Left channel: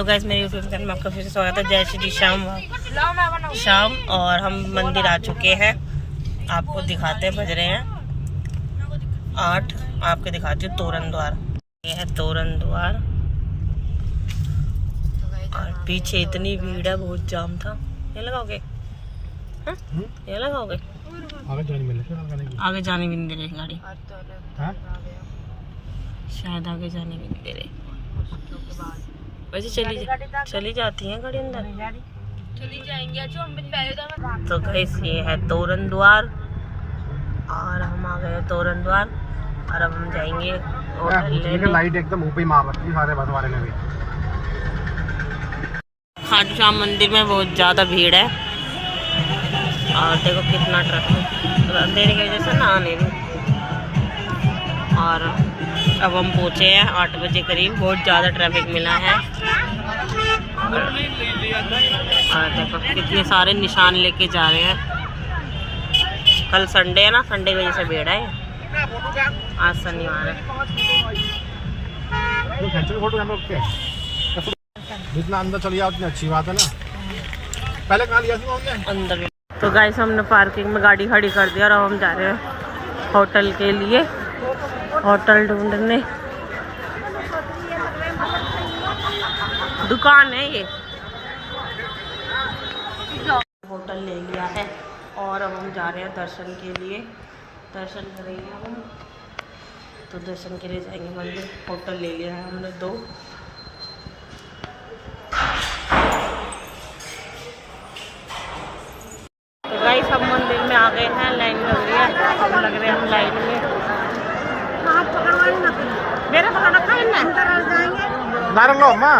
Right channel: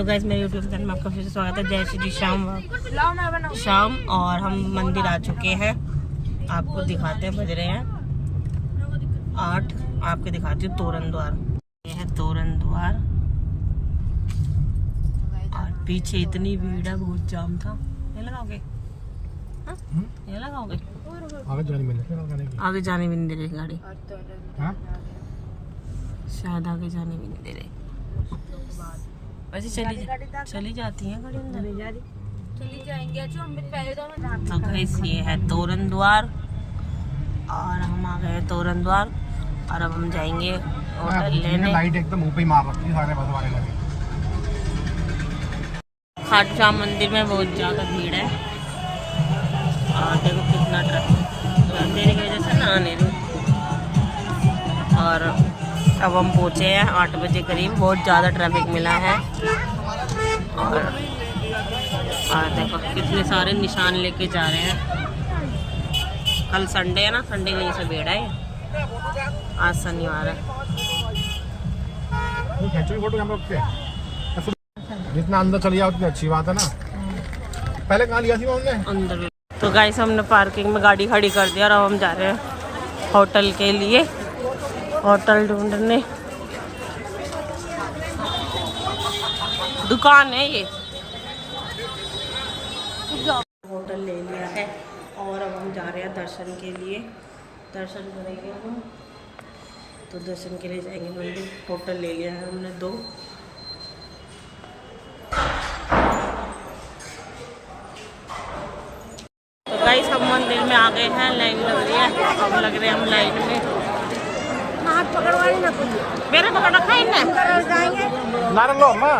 Hello guys, मेरे YouTube channel में आपका फिर से स्वागत है। जय श्री शाम और हम मंदिर आ चुके हैं। आपको दिखाते हैं, बज रहे हैं 8। आपको दिखाती हूँ तोरण द्वार। ये है तोरण द्वार और पीछे इतनी भीड़ है, बहुत जाम था। ये लगाओगे? हाँ? ये लगाओगे? आगे जाने भी नहीं दे रही गाड़ी, शायद आगे जाने भी नहीं दे रही। वैसे चली जाती हैं गाड़ी अंदर, चली जाएंगे। तो गाइस ये है तोरण द्वार और हम आ गए तोरण द्वार और अब हम जाएंगे होटल लेने। लाइट एकदम ऊपर मार रखी है सारे बस वाले ने भी। खाटू श्याम मंदिर में बहुत ज़्यादा भीड़ है और देखो कितना ट्रैफिक, अंधेरे की वजह से ना आने रही। और अब हम पहुँचे हैं 8 बजे करीब। बहुत ज़्यादा ट्रैफिक मिला है और देखो कितने सारे निशान लेके जा रहे हैं। कल संडे है ना, संडे की वजह से भीड़ है। आज शनिवार है। जितना अंदर चली जाती अच्छी बात है ना। पहले कहाँ लिया थी उन्होंने? अंदर में। तो गाइस हमने पार्किंग में गाड़ी खड़ी कर दिया और अब हम जा रहे हैं होटल के लिए, होटल ढूंढने। दुकान है ये, होटल ले लिया है और अब हम जा रहे हैं दर्शन के लिए। दर्शन करेंगे हम, तो दर्शन के लिए जाएंगे मंदिर। होटल ले लिया है हमने 2। तो गाइस हम मंदिर में आ गए हैं, लाइन लग रही है। अब लग रहे हैं हम लाइन में। मेरे पकड़ रखा है ना, लो माँ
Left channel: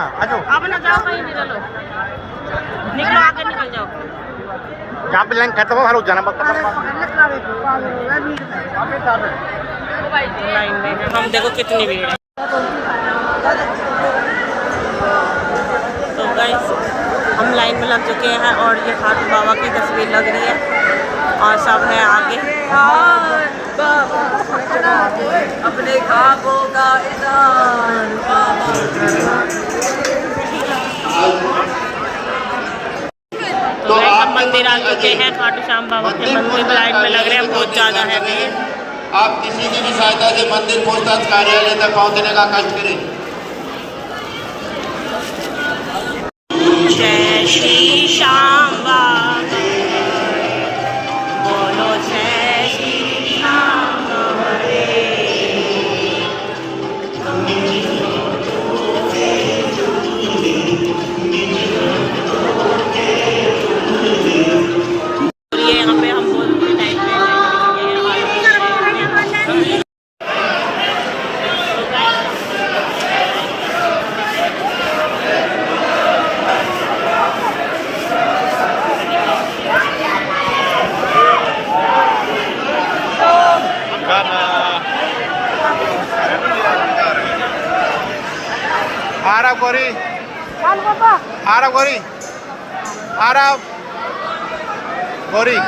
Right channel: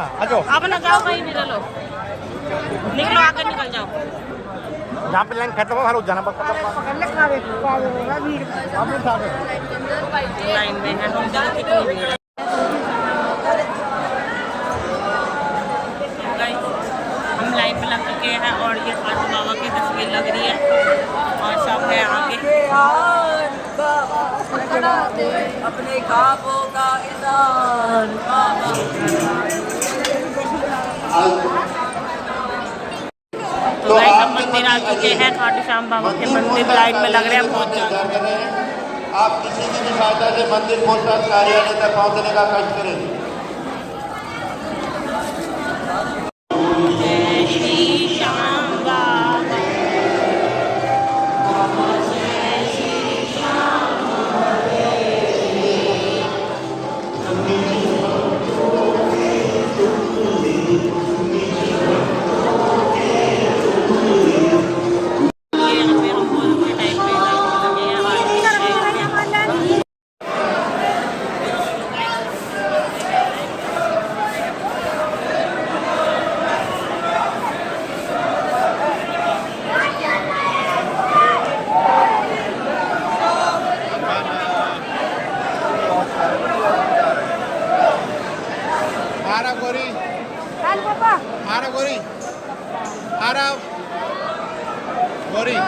अब ना जाओ कहीं भी, लो निकलो, आगे निकल जाओ। जहाँ पे लाइन खत्म हो जाना लाइन में है हम, देखो कितनी भीड़ है। तो गाइस हम लाइन में लग चुके हैं और ये खाटू बाबा की तस्वीर लग रही है और सब है आगे। अपने खाबों का तो गाइस हम मंदिर आ चुके हैं, खाटू श्याम बाबा के मंदिर। लाइन में लग रहे हैं, बहुत ज़्यादा है भीड़। आप किसी की भी सहायता से मंदिर पूछताछ कार्यालय तक पहुंचने का कष्ट करें। जय श्री श्याम बाबा, बोलो जय श्री श्याम हरे। ये यहाँ पे हम बोल के टाइम पे गोरी गोरी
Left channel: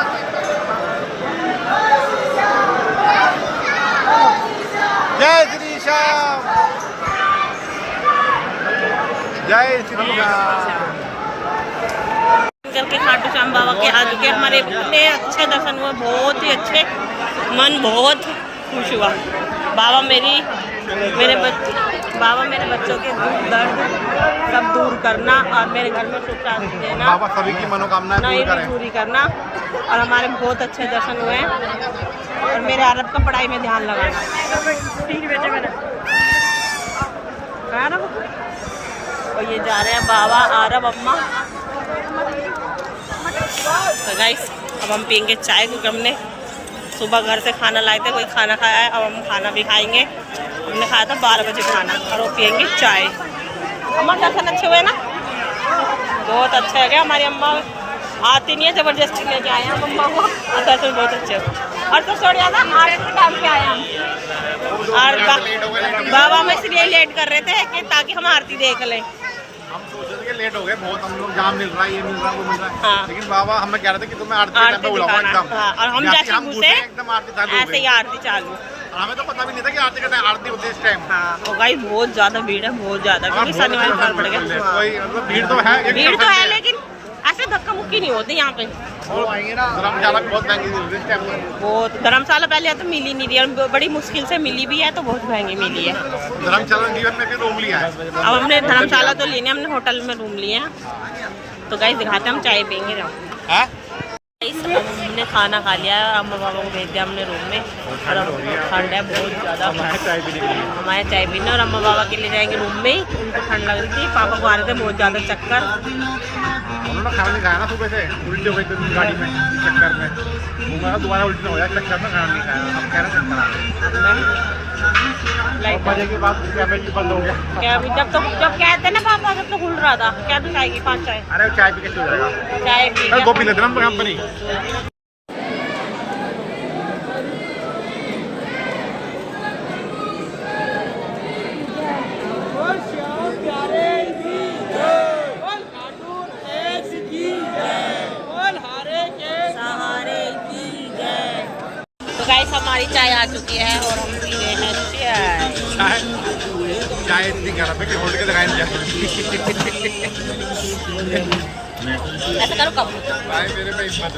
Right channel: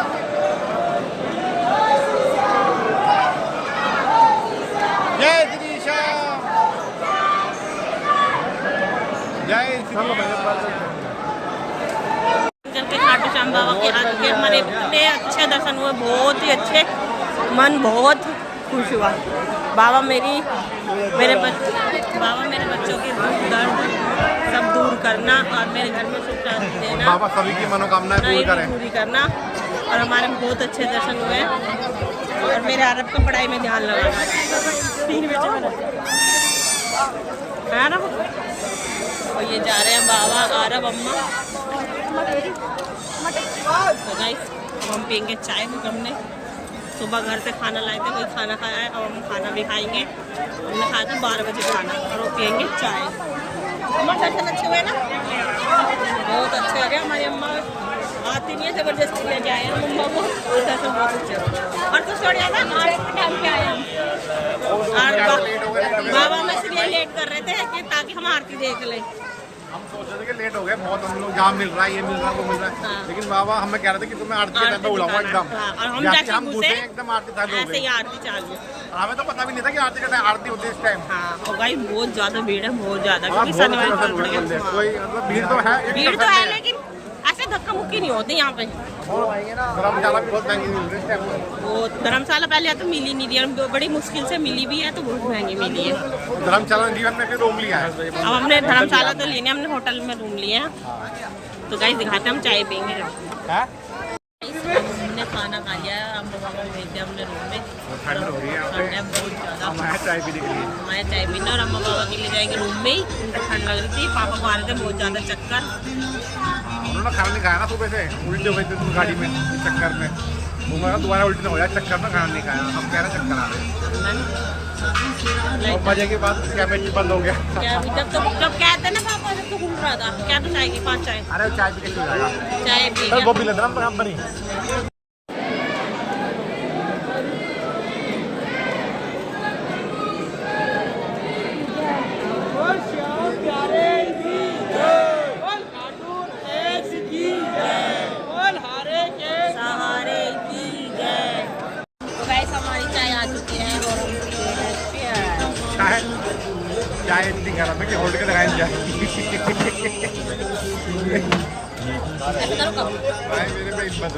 जय श्री श्याम, जय श्री राम। करके खाटू श्याम बाबा के आ चुके। हमारे इतने अच्छे दर्शन हुए, बहुत ही अच्छे, मन बहुत खुश हुआ। बाबा मेरे बच्चों के दुख दर्द सब दूर करना और मेरे घर में सुख शांति देना, बाबा सभी की मनोकामनाएं पूरी करना। और हमारे बहुत अच्छे दर्शन हुए हैं और मेरे अरब का पढ़ाई में ध्यान लगाना। 3 बजे मैंने अरब और ये जा रहे हैं बाबा अरब अम्मा। तो गाइस अब हम पियेंगे चाय, क्योंकि हमने सुबह घर से खाना लाए थे, वही खाना खाया है। अब हम खाना भी खाएंगे। हमने खाया था 12 बजे खाना और वो पियेंगे चाय। अम्मा दर्शन अच्छे हुए ना? बहुत अच्छे हो गया। हमारी अम्मा आती नहीं है, ज़बरदस्ती लेके आए हैं हम अम्मा को, और दर्शन बहुत अच्छे हो। और तो छोड़ जाता आरती के टाइम पे आए हम, और बाबा में इसलिए लेट कर रहे थे कि ताकि हम आरती देख लें। हम सोच रहे थे कि लेट हो गए बहुत, हम लोग जहाँ मिल रहा है, ये मिल रहा है, वो मिल रहा है। हाँ। लेकिन बाबा हमें कह रहे थे कि तुम्हें आरती के टाइम पे बुलाऊंगा एकदम। हाँ, और हम जैसे घुसे एकदम आरती चालू, ऐसे ही आरती चालू। हमें तो पता भी नहीं था कि आरती का आरती होती है इस टाइम। हाँ और गाइस बहुत ज्यादा भीड़ है, बहुत ज्यादा, क्योंकि शनिवार इतवार पड़ गया। हाँ। कोई मतलब भीड़ तो है, भीड़ तो है, लेकिन ऐसे धक्का मुक्की नहीं होती यहाँ पे। धर्मशाला भी बहुत महंगी मिलती है इस टाइम। बहुत धर्मशाला पहले तो मिली नहीं रही, बड़ी मुश्किल से मिली भी है, तो बहुत महंगी मिली है। धर्मशाला जीवन में भी रूम लिया है। अब हमने धर्मशाला तो लेने, हमने होटल में रूम लिए हैं। तो गाइस दिखाते हैं, हम चाय पियेंगे ना। अब हमने खाना खा लिया है, अम्मा पापा को भेज दिया हमने रूम में। और अब ठंड है बहुत ज़्यादा, हमारे चाय पीने, और अम्मा पापा के लिए जाएंगे रूम में ही। उनको ठंड लग रही थी, पापा को आ रहे थे बहुत ज़्यादा चक्कर। उन्होंने खाना नहीं खाया ना सुबह से, उल्टी हो गई थी गाड़ी में चक्कर में। वो दोबारा उल्टी ना हो जाए चक्कर में, खाना नहीं खाया। अब कह रहे चक्कर आ रहे। अब बजे के बाद कैमरे बंद हो गया। क्या जब कहते ना पापा, जब तो खुल रहा था, क्या तो चाय की 5 चाय। अरे चाय पी के सो जाएगा। चाय पी के वो पी लेते ना कंपनी। तो गाइस हमारी चाय आ चुकी है और हम पी रहे हैं चाय। चाय इतनी खराब है कि होल्ड के लगाए नहीं ऐसा करो कब भाई मेरे में हिम्मत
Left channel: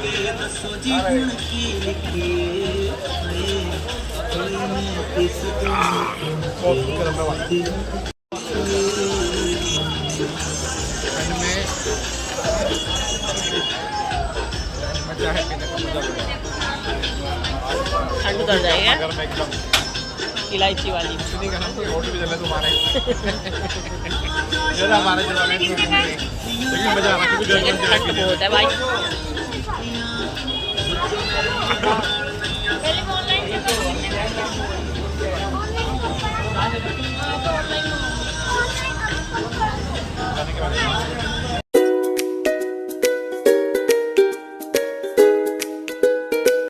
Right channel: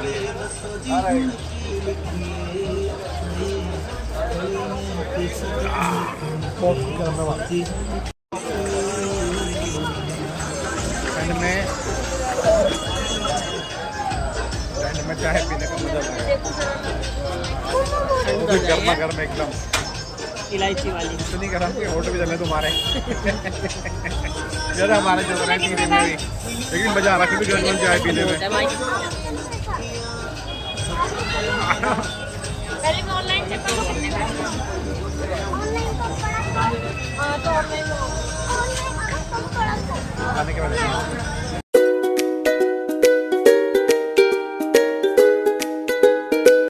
में चाय पीने का मजा ठंड कर जाएगा एकदम इलायची वाली। इतनी गर्म कि होटल भी चले तुम्हारे ज़्यादा हमारे जो बनाए लेकिन मजा आ रहा क्योंकि गर्म चाय पी बहुत है भाई। जाने के बाद